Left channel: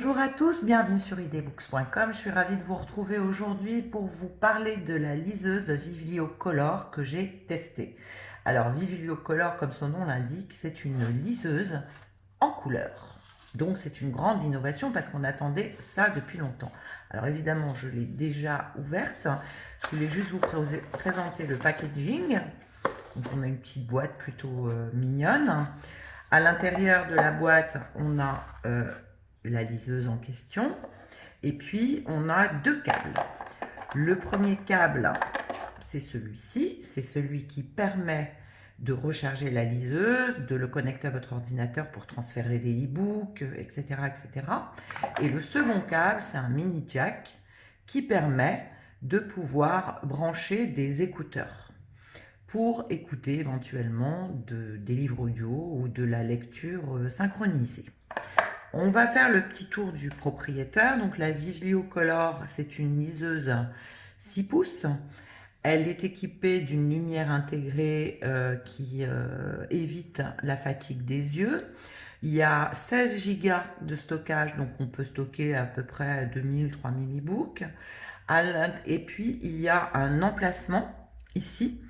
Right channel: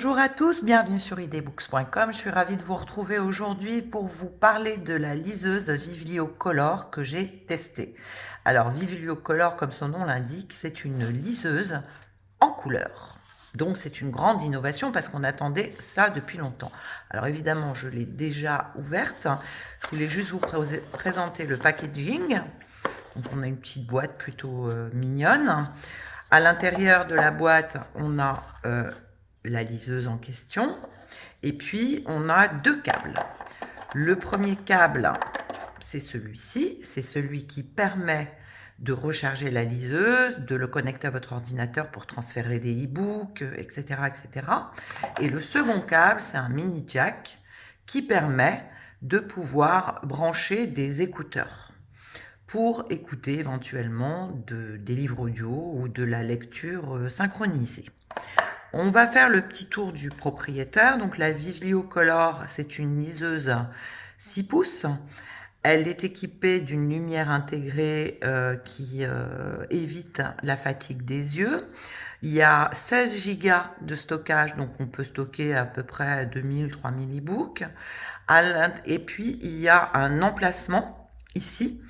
Bonjour à tous, bienvenue sur idbooks.com. Je suis ravie de vous retrouver aujourd'hui pour vous parler de la liseuse Vivilio Color que j'ai testée. Alors Vivilio Color, comme son nom l'indique, c'est une liseuse en couleur. Donc c'est une grande innovation parce qu'on attendait ça depuis longtemps. Alors évidemment, je l'ai déjà ouverte. Je voulais juste vous présenter le packaging. Donc on a une petite boîte plutôt mignonne. À l'intérieur de la boîte, on a la liseuse en question. Et puis, on a deux câbles. Le premier câble, c'est celui-ci. C'est celui qui permet de recharger la liseuse, de le connecter à votre ordinateur pour transférer des e-books, etc., etc. Et le second câble, c'est un mini jack qui permet de pouvoir brancher des écouteurs pour écouter éventuellement des livres audio ou de la lecture synchronisée. On va faire le petit tour du propriétaire. Donc la Vivilio Color, c'est une liseuse 6 pouces. Elle est équipée d'une lumière intégrée qui évite la fatigue des yeux. Il y a 16 Go de stockage, donc on peut stocker à peu près 2000-3000 e-books. Et puis il y a un emplacement ici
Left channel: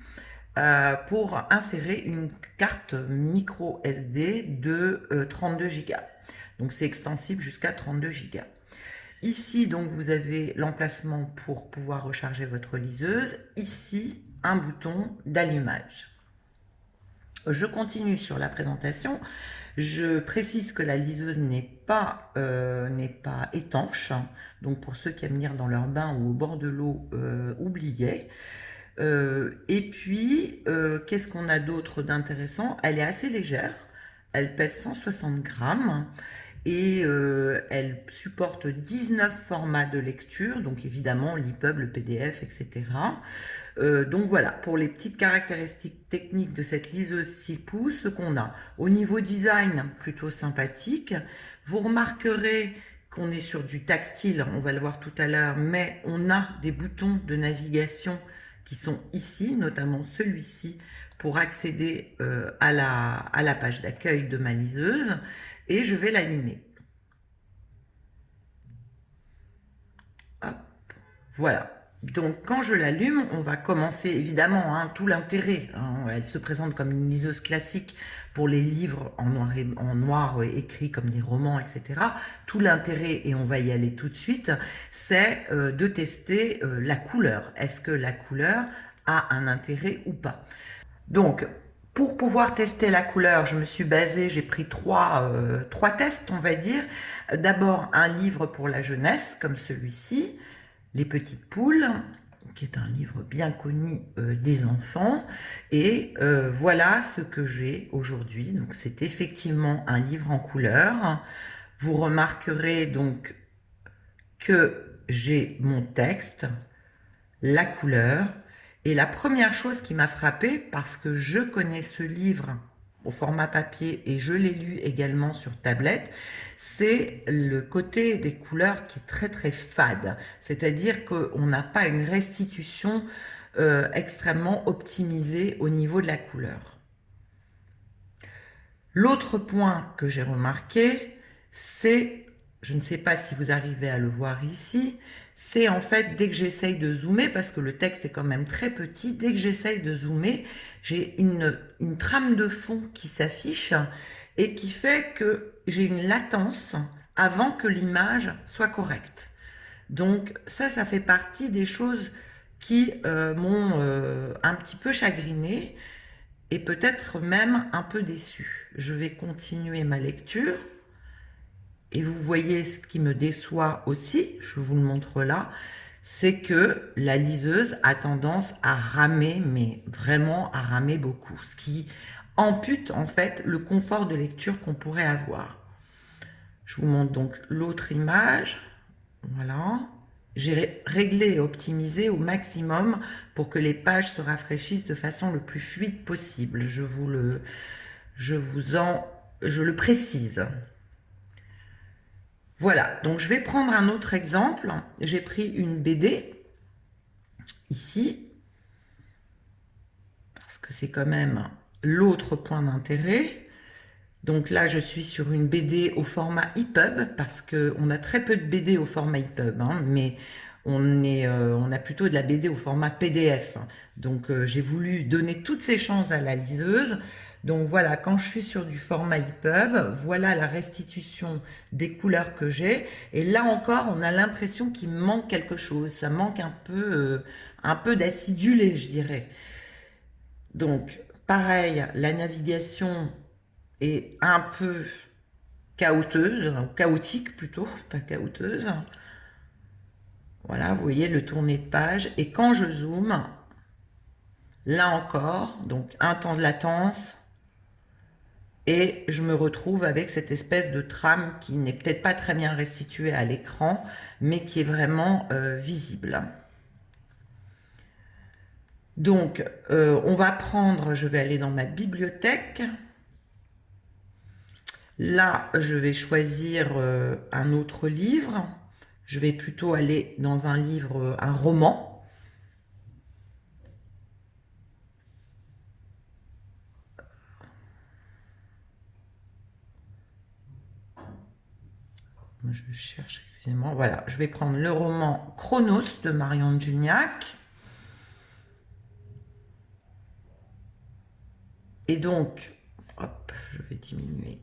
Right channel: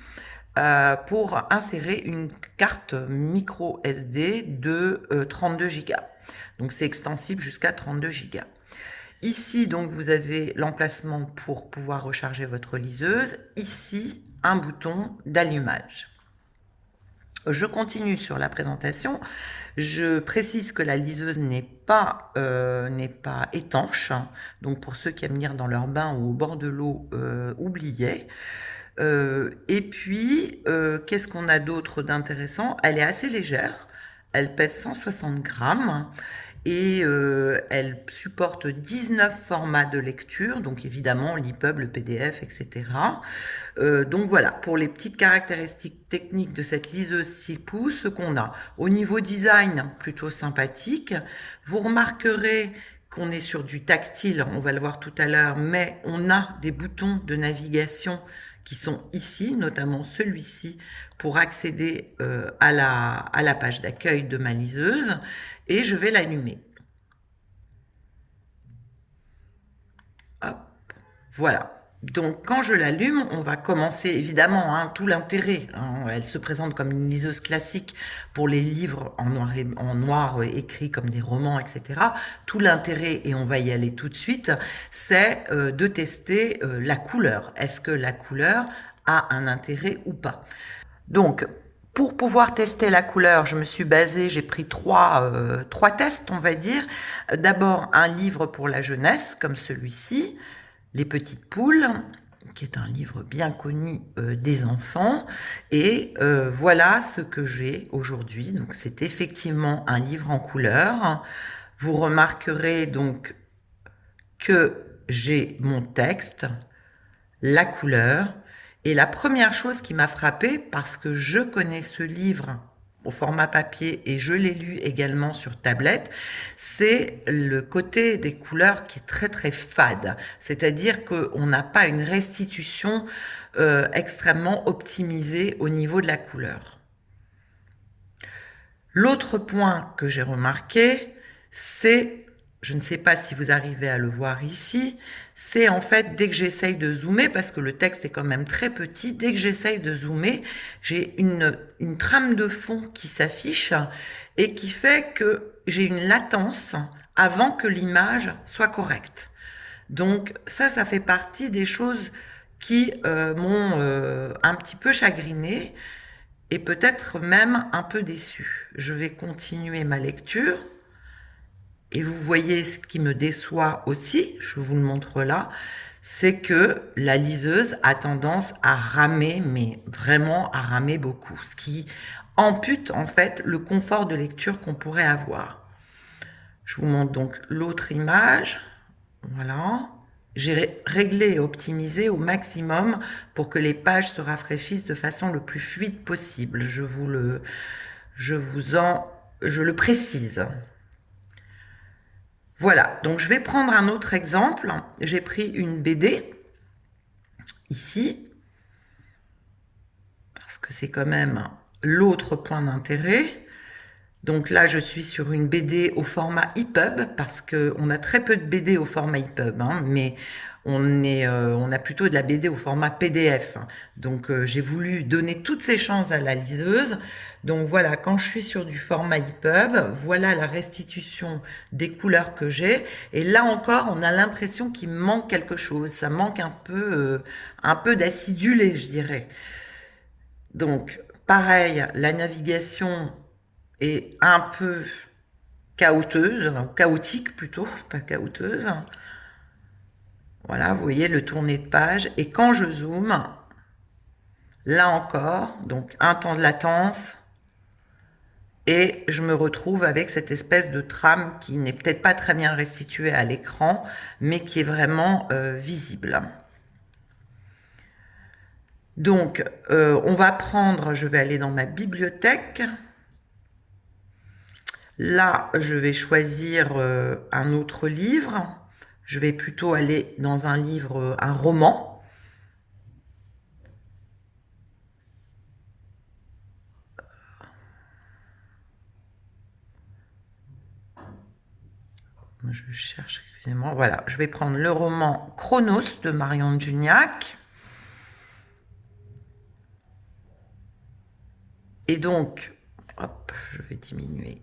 pour insérer une carte micro SD de 32 Go. Donc c'est extensible jusqu'à 32 Go. Ici, donc, vous avez l'emplacement pour pouvoir recharger votre liseuse. Ici, un bouton d'allumage. Je continue sur la présentation. Je précise que la liseuse n'est pas étanche. Donc pour ceux qui aiment lire dans leur bain ou au bord de l'eau, oubliez. Et puis, qu'est-ce qu'on a d'autre d'intéressant? Elle est assez légère. Elle pèse 160 grammes. Et elle supporte 19 formats de lecture, donc évidemment l'EPUB, le PDF, etc. Donc voilà, pour les petites caractéristiques techniques de cette liseuse 6 pouces, ce qu'on a. Au niveau design, plutôt sympathique. Vous remarquerez qu'on est sur du tactile, on va le voir tout à l'heure, mais on a des boutons de navigation qui sont ici, notamment celui-ci, pour accéder à la page d'accueil de ma liseuse. Et je vais l'allumer. Hop, voilà. Donc quand je l'allume, on va commencer évidemment, hein, tout l'intérêt. Hein, elle se présente comme une liseuse classique pour les livres en noir écrits comme des romans, etc. Tout l'intérêt, et on va y aller tout de suite, c'est de tester la couleur. Est-ce que la couleur a un intérêt ou pas? Donc, pour pouvoir tester la couleur, je me suis basée, j'ai pris trois tests, on va dire. D'abord, un livre pour la jeunesse, comme celui-ci, Les Petites Poules, qui est un livre bien connu des enfants. Et voilà ce que j'ai aujourd'hui. Donc, c'est effectivement un livre en couleur. Vous remarquerez donc que j'ai mon texte, la couleur. Et la première chose qui m'a frappée, parce que je connais ce livre au format papier et je l'ai lu également sur tablette, c'est le côté des couleurs qui est très très fade. C'est-à-dire qu'on n'a pas une restitution extrêmement optimisée au niveau de la couleur. L'autre point que j'ai remarqué, c'est, je ne sais pas si vous arrivez à le voir ici, c'est en fait dès que j'essaye de zoomer, parce que le texte est quand même très petit, dès que j'essaye de zoomer, j'ai une trame de fond qui s'affiche et qui fait que j'ai une latence avant que l'image soit correcte. Donc ça fait partie des choses qui m'ont un petit peu chagrinée et peut-être même un peu déçue. Je vais continuer ma lecture. Et vous voyez ce qui me déçoit aussi, je vous le montre là, c'est que la liseuse a tendance à ramer, mais vraiment à ramer beaucoup, ce qui ampute en fait le confort de lecture qu'on pourrait avoir. Je vous montre donc l'autre image, voilà. J'ai réglé et optimisé au maximum pour que les pages se rafraîchissent de façon le plus fluide possible. Je le précise. Voilà, donc je vais prendre un autre exemple. J'ai pris une BD, ici, parce que c'est quand même l'autre point d'intérêt. Donc là, je suis sur une BD au format EPUB parce qu'on a très peu de BD au format EPUB, hein, mais on a plutôt de la BD au format PDF. Donc j'ai voulu donner toutes ces chances à la liseuse. Donc voilà, quand je suis sur du format EPUB, voilà la restitution des couleurs que j'ai. Et là encore, on a l'impression qu'il manque quelque chose. Ça manque un peu d'acidulé, je dirais. Donc pareil, la navigation est un peu chaotique plutôt, pas chaoteuse. Voilà, vous voyez le tourné de page. Et quand je zoome, là encore, donc un temps de latence, et je me retrouve avec cette espèce de trame qui n'est peut-être pas très bien restituée à l'écran, mais qui est vraiment visible. Donc, on va prendre, je vais aller dans ma bibliothèque. Là, je vais choisir un autre livre. Je vais plutôt aller dans un livre, un roman. Je cherche, excusez-moi. Voilà, je vais prendre le roman Chronos de Marion Juniac. Et donc, hop, je vais diminuer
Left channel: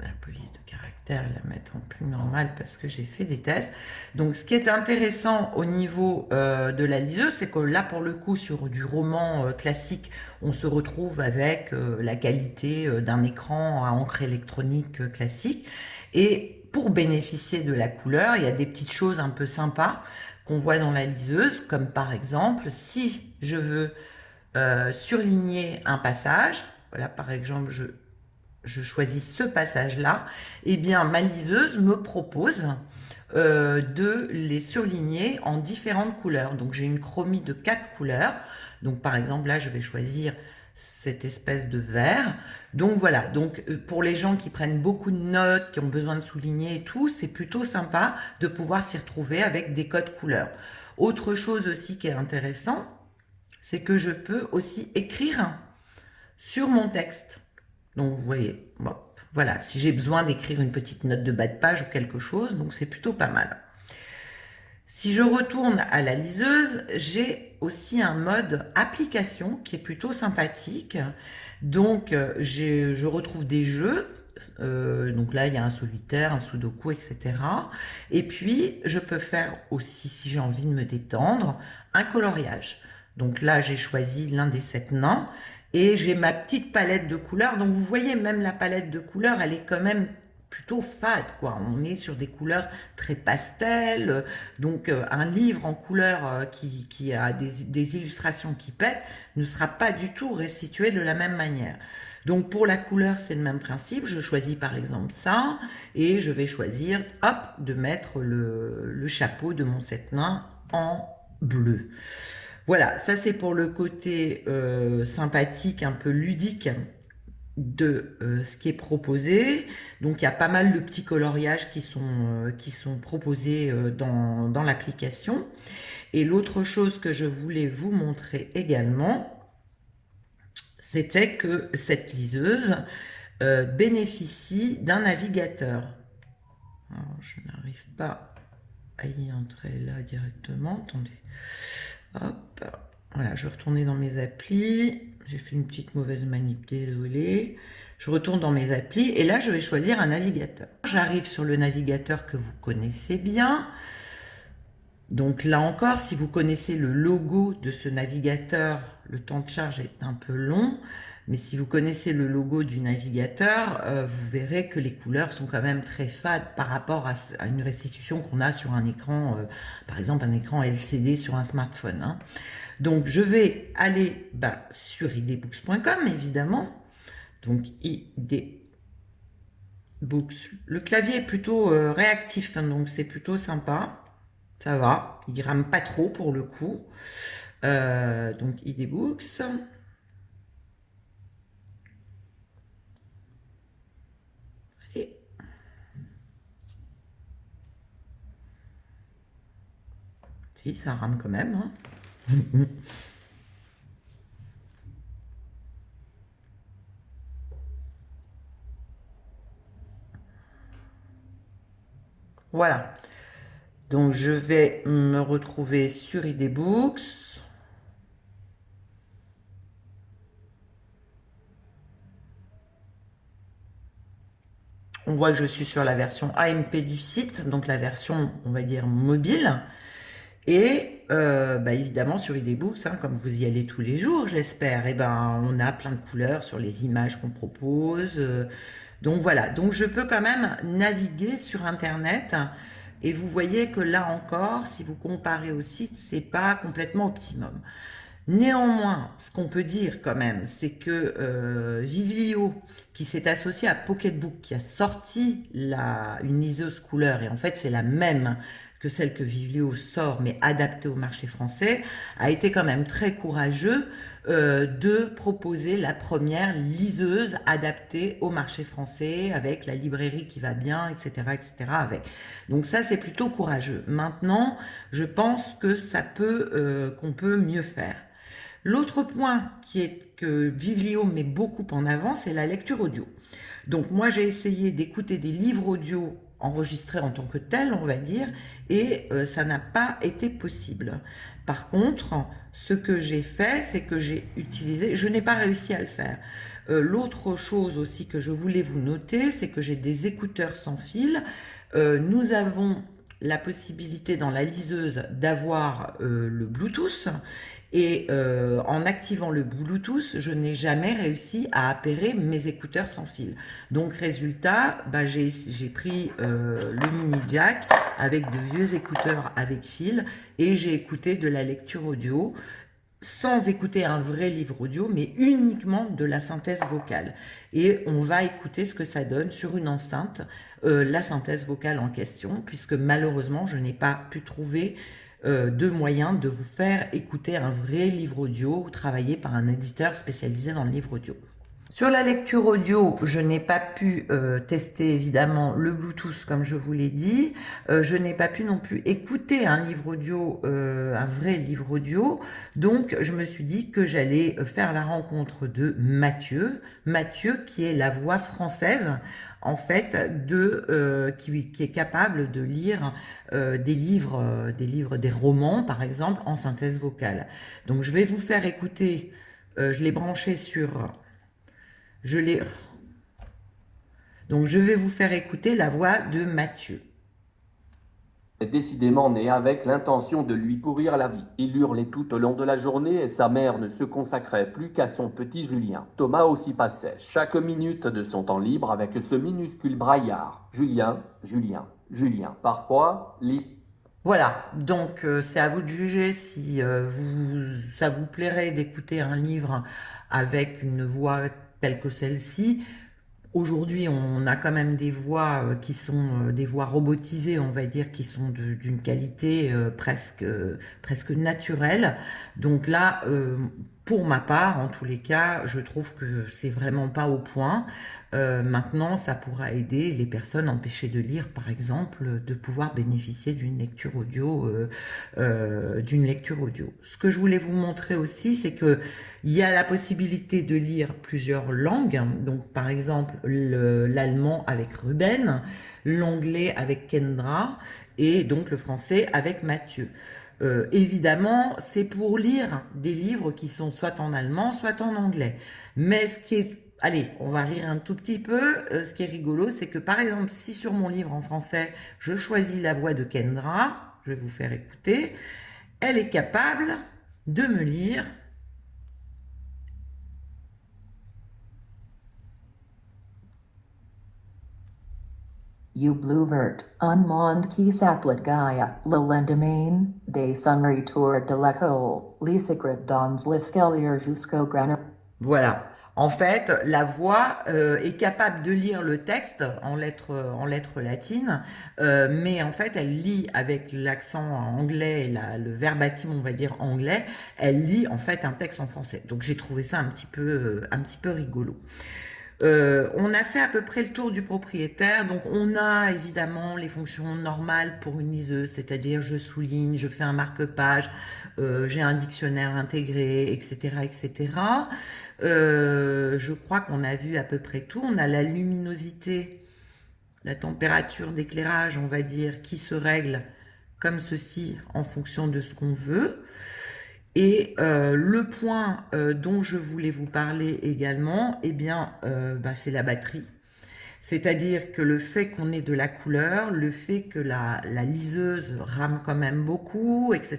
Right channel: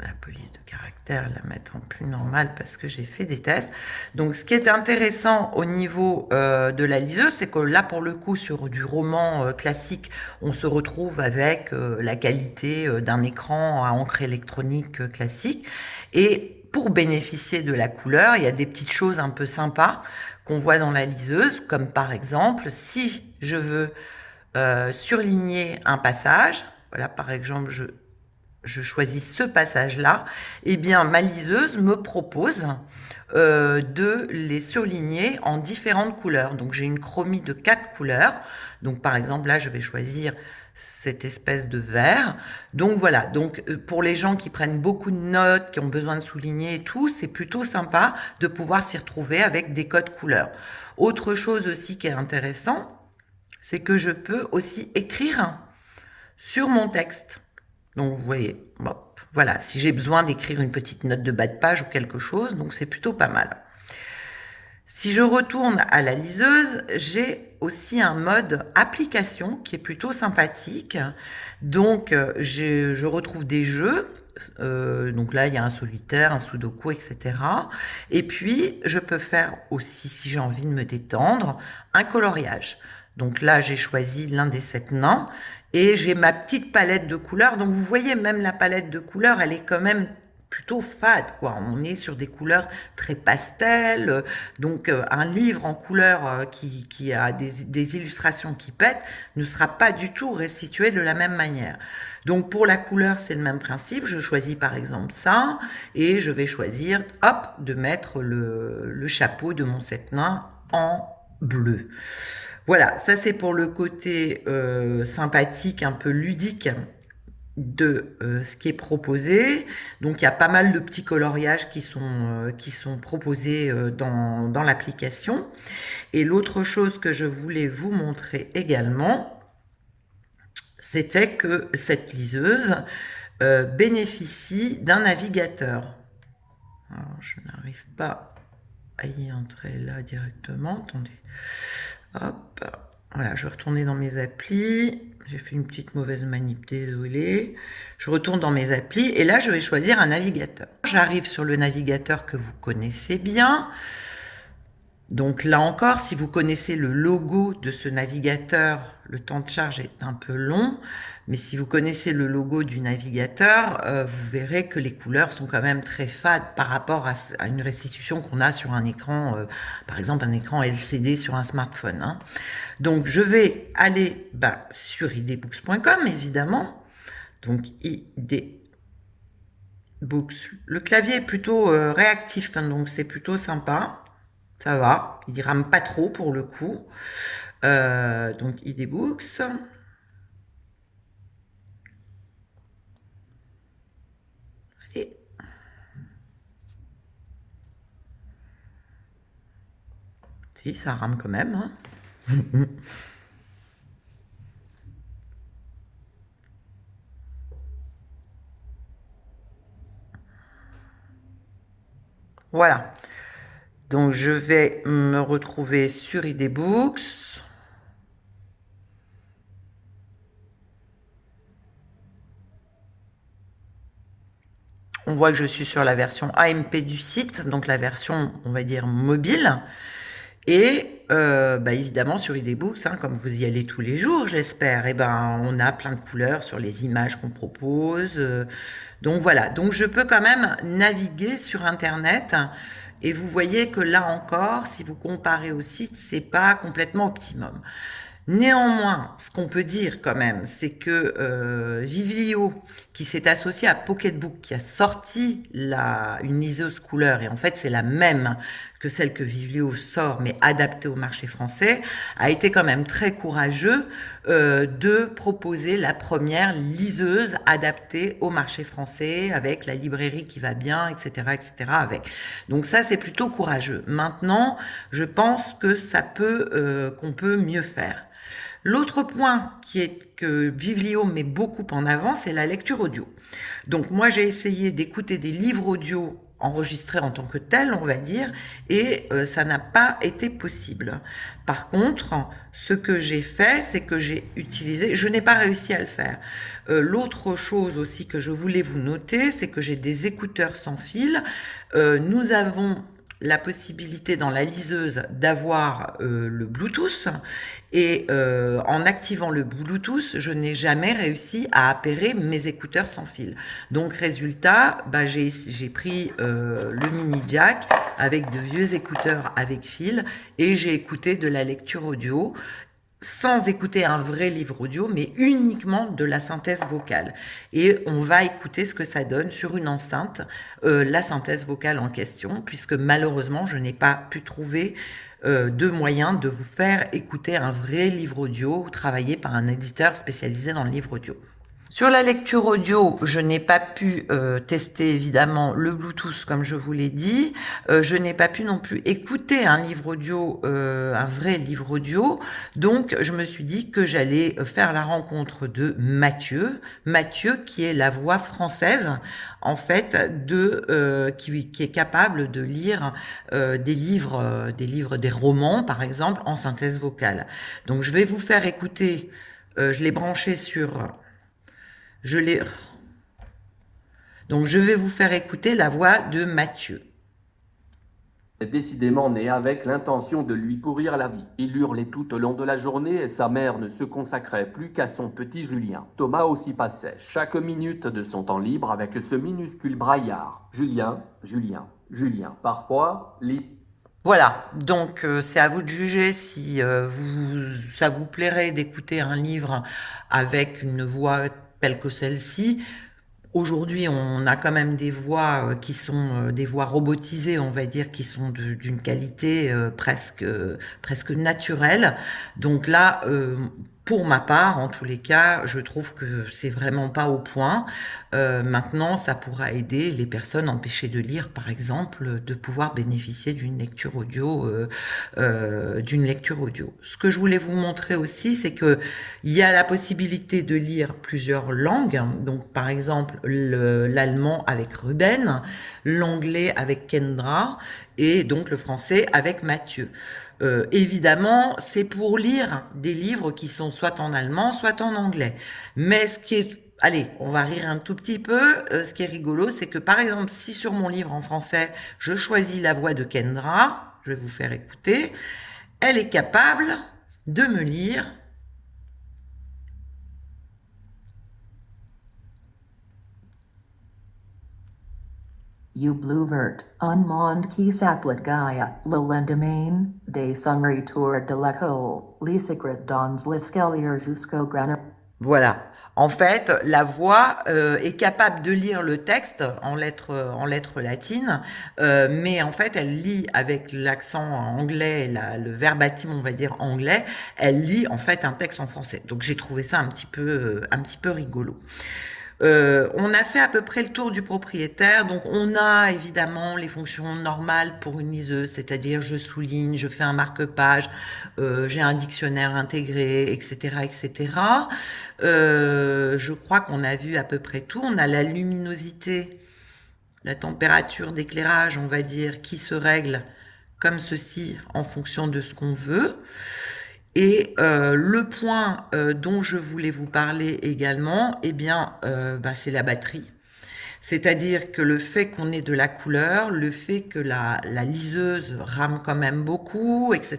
la police de caractère, la mettre en plus normal parce que j'ai fait des tests. Donc ce qui est intéressant au niveau de la liseuse, c'est que là pour le coup sur du roman classique, on se retrouve avec la qualité d'un écran à encre électronique classique. Et pour bénéficier de la couleur, il y a des petites choses un peu sympas qu'on voit dans la liseuse, comme par exemple si je veux surligner un passage, voilà par exemple je choisis ce passage-là, et bien ma liseuse me propose de les surligner en différentes couleurs. Donc j'ai une chromie de 4 couleurs. Donc par exemple là je vais choisir cette espèce de vert. Donc voilà, donc pour les gens qui prennent beaucoup de notes, qui ont besoin de souligner et tout, c'est plutôt sympa de pouvoir s'y retrouver avec des codes couleurs. Autre chose aussi qui est intéressant, c'est que je peux aussi écrire sur mon texte. Donc vous voyez, bon, voilà, si j'ai besoin d'écrire une petite note de bas de page ou quelque chose, donc c'est plutôt pas mal. Si je retourne à la liseuse, j'ai aussi un mode application qui est plutôt sympathique. Donc je retrouve des jeux. Donc là, il y a un solitaire, un sudoku, etc. Et puis, je peux faire aussi, si j'ai envie de me détendre, un coloriage. Donc là, j'ai choisi l'un des 7 nains et j'ai ma petite palette de couleurs. Donc vous voyez, même la palette de couleurs, elle est quand même plutôt fade, quoi. On est sur des couleurs très pastel. Donc un livre en couleur qui a des illustrations qui pètent ne sera pas du tout restitué de la même manière. Donc pour la couleur, c'est le même principe. Je choisis par exemple ça et je vais choisir, hop, de mettre le chapeau de mon 7 nains en bleu. Voilà, ça c'est pour le côté sympathique, un peu ludique de ce qui est proposé. Donc il y a pas mal de petits coloriages qui sont proposés dans l'application. Et l'autre chose que je voulais vous montrer également, c'était que cette liseuse bénéficie d'un navigateur. Alors, je n'arrive pas à y entrer là directement. Attendez. Hop. Voilà, je vais retourner dans mes applis. J'ai fait une petite mauvaise manip, désolé. Je retourne dans mes applis et là, je vais choisir un navigateur. J'arrive sur le navigateur que vous connaissez bien. Donc là encore, si vous connaissez le logo de ce navigateur, le temps de charge est un peu long, mais si vous connaissez le logo du navigateur, vous verrez que les couleurs sont quand même très fades par rapport à une restitution qu'on a sur un écran, par exemple un écran LCD sur un smartphone, hein. Donc je vais aller sur idbooks.com évidemment, donc idbooks. Le clavier est plutôt réactif, hein, donc c'est plutôt sympa. Ça va, il rame pas trop pour le coup. Donc idbooks. Allez. Si, ça rame quand même, hein. Voilà. Donc, je vais me retrouver sur IDBooks. On voit que je suis sur la version AMP du site, donc la version, on va dire, mobile. Et évidemment, sur IDBooks, comme vous y allez tous les jours, j'espère, on a plein de couleurs sur les images qu'on propose. Donc voilà, donc je peux quand même naviguer sur Internet. Et vous voyez que là encore, si vous comparez au site, c'est pas complètement optimum. Néanmoins, ce qu'on peut dire quand même, c'est que Viβλio, qui s'est associé à Pocketbook, qui a sorti une liseuse couleur, et en fait c'est la même que celle que Viβλio sort, mais adaptée au marché français, a été quand même très courageux de proposer la première liseuse adaptée au marché français, avec la librairie qui va bien, etc., etc. avec. Donc ça, c'est plutôt courageux. Maintenant, je pense que qu'on peut mieux faire. L'autre point que Viβλio met beaucoup en avant, c'est la lecture audio. Donc moi, j'ai essayé d'écouter des livres audio enregistrés en tant que tels, on va dire, et ça n'a pas été possible. Par contre, ce que j'ai fait, c'est que j'ai utilisé, je n'ai pas réussi à le faire. L'autre chose aussi que je voulais vous noter, c'est que j'ai des écouteurs sans fil. Nous avons la possibilité dans la liseuse d'avoir le Bluetooth, et en activant le Bluetooth, je n'ai jamais réussi à appairer mes écouteurs sans fil. Donc résultat, j'ai pris le mini jack avec de vieux écouteurs avec fil, et j'ai écouté de la lecture audio sans écouter un vrai livre audio, mais uniquement de la synthèse vocale. Et on va écouter ce que ça donne sur une enceinte, la synthèse vocale en question, puisque malheureusement, je n'ai pas pu trouver de moyen de vous faire écouter un vrai livre audio travaillé par un éditeur spécialisé dans le livre audio. Sur la lecture audio, je n'ai pas pu tester évidemment le Bluetooth comme je vous l'ai dit. Je n'ai pas pu non plus écouter un livre audio, un vrai livre audio. Donc je me suis dit que j'allais faire la rencontre de Mathieu. Mathieu qui est la voix française en fait qui est capable de lire des romans par exemple en synthèse vocale. Donc je vais vous faire écouter. Je l'ai branché sur je l'ai... Donc, je vais vous faire écouter la voix de Mathieu. Décidément né avec l'intention de lui pourrir la vie. Il hurlait tout au long de la journée et sa mère ne se consacrait plus qu'à son petit Julien. Thomas aussi passait chaque minute de son temps libre avec ce minuscule braillard. Julien, Julien, Julien. Parfois, Voilà, donc c'est à vous de juger si ça vous plairait d'écouter un livre avec une voix telle que celle-ci. Aujourd'hui, on a quand même des voix qui sont des voix robotisées, on va dire, qui sont d'une qualité presque naturelle. Donc là, pour ma part, en tous les cas, je trouve que c'est vraiment pas au point. Maintenant, ça pourra aider les personnes empêchées de lire, par exemple, de pouvoir bénéficier d'une lecture audio, Ce que je voulais vous montrer aussi, c'est que il y a la possibilité de lire plusieurs langues. Donc, par exemple, l'allemand avec Ruben, l'anglais avec Kendra, et donc le français avec Mathieu. Évidemment, c'est pour lire des livres qui sont soit en allemand, soit en anglais. Mais ce qui est... Allez, on va rire un tout petit peu. Ce qui est rigolo, c'est que par exemple, si sur mon livre en français, je choisis la voix de Kendra, je vais vous faire écouter, elle est capable de me lire You Bluevert, un monde qui s'appelle Gaia, le lendemain des sonneries tour de l'école, les secrets dans l'escalier jusqu'au graner. Voilà. En fait, la voix est capable de lire le texte en lettres latines, mais en fait, elle lit avec l'accent anglais, le verbatim, on va dire anglais, elle lit en fait un texte en français. Donc j'ai trouvé ça un petit peu rigolo. On a fait à peu près le tour du propriétaire, donc on a évidemment les fonctions normales pour une liseuse, c'est-à-dire je souligne, je fais un marque-page, j'ai un dictionnaire intégré, etc., etc. Je crois qu'on a vu à peu près tout. On a la luminosité la température d'éclairage, on va dire, qui se règle comme ceci en fonction de ce qu'on veut. Et le point dont je voulais vous parler également, eh bien, c'est la batterie. C'est-à-dire que le fait qu'on ait de la couleur, le fait que la liseuse rame quand même beaucoup, etc.,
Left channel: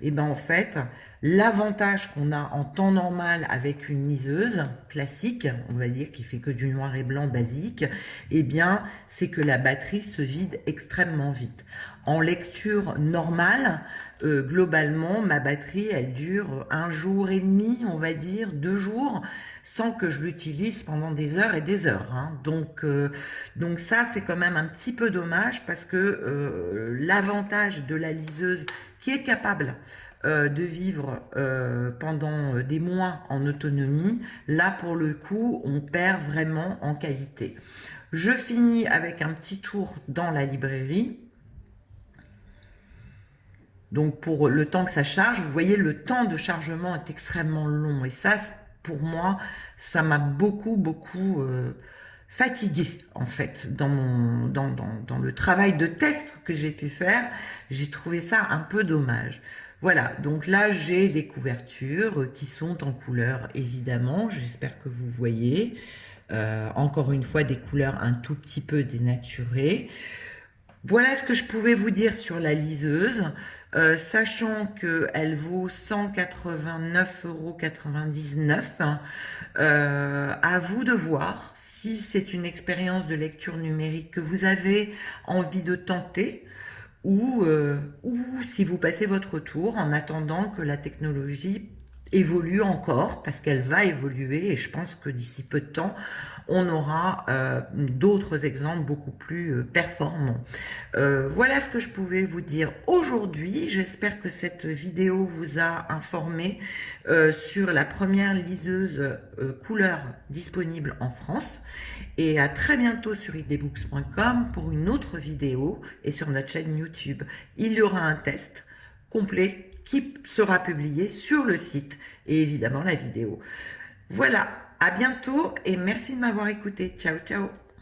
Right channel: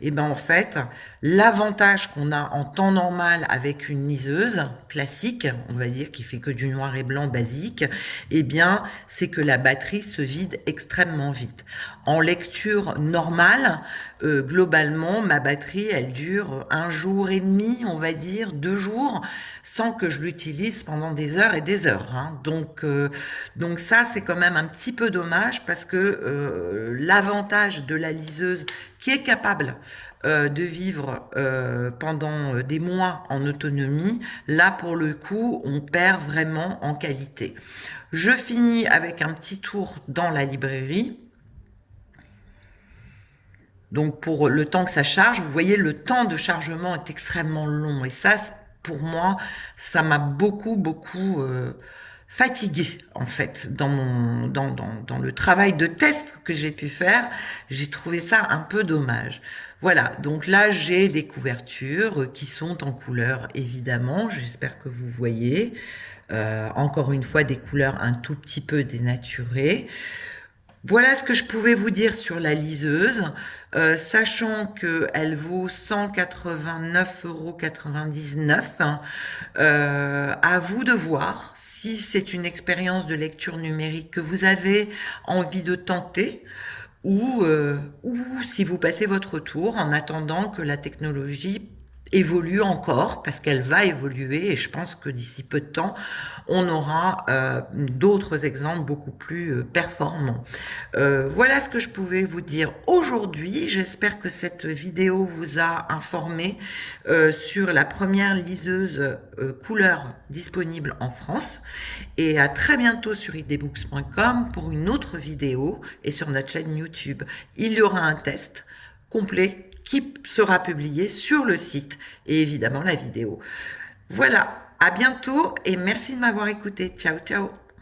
et ben en fait, l'avantage qu'on a en temps normal avec une liseuse classique, on va dire qui fait que du noir et blanc basique, eh bien c'est que la batterie se vide extrêmement vite. En lecture normale, globalement, ma batterie, elle dure 1 jour et demi, on va dire, 2 jours, sans que je l'utilise pendant des heures et des heures. Hein. Donc ça, c'est quand même un petit peu dommage parce que l'avantage de la liseuse qui est capable de vivre pendant des mois en autonomie, là pour le coup, on perd vraiment en qualité. Je finis avec un petit tour dans la librairie. Donc pour le temps que ça charge, vous voyez, le temps de chargement est extrêmement long. Et ça, pour moi, ça m'a beaucoup fatiguée, en fait, dans le travail de test que j'ai pu faire. J'ai trouvé ça un peu dommage. Voilà, donc là, j'ai des couvertures qui sont en couleur, évidemment. J'espère que vous voyez. Encore une fois, des couleurs un tout petit peu dénaturées. Voilà ce que je pouvais vous dire sur la liseuse, sachant qu'elle vaut 189,99 €. À vous de voir si c'est une expérience de lecture numérique que vous avez envie de tenter ou si vous passez votre tour en attendant que la technologie évolue encore, parce qu'elle va évoluer et je pense que d'ici peu de temps, on aura d'autres exemples beaucoup plus performants. Voilà ce que je pouvais vous dire aujourd'hui. J'espère que cette vidéo vous a informé sur la première liseuse couleur disponible en France. Et à très bientôt sur idbooks.com pour une autre vidéo et sur notre chaîne YouTube. Il y aura un test complet qui sera publié sur le site et évidemment la vidéo. Voilà, à bientôt et merci de m'avoir écouté. Ciao, ciao.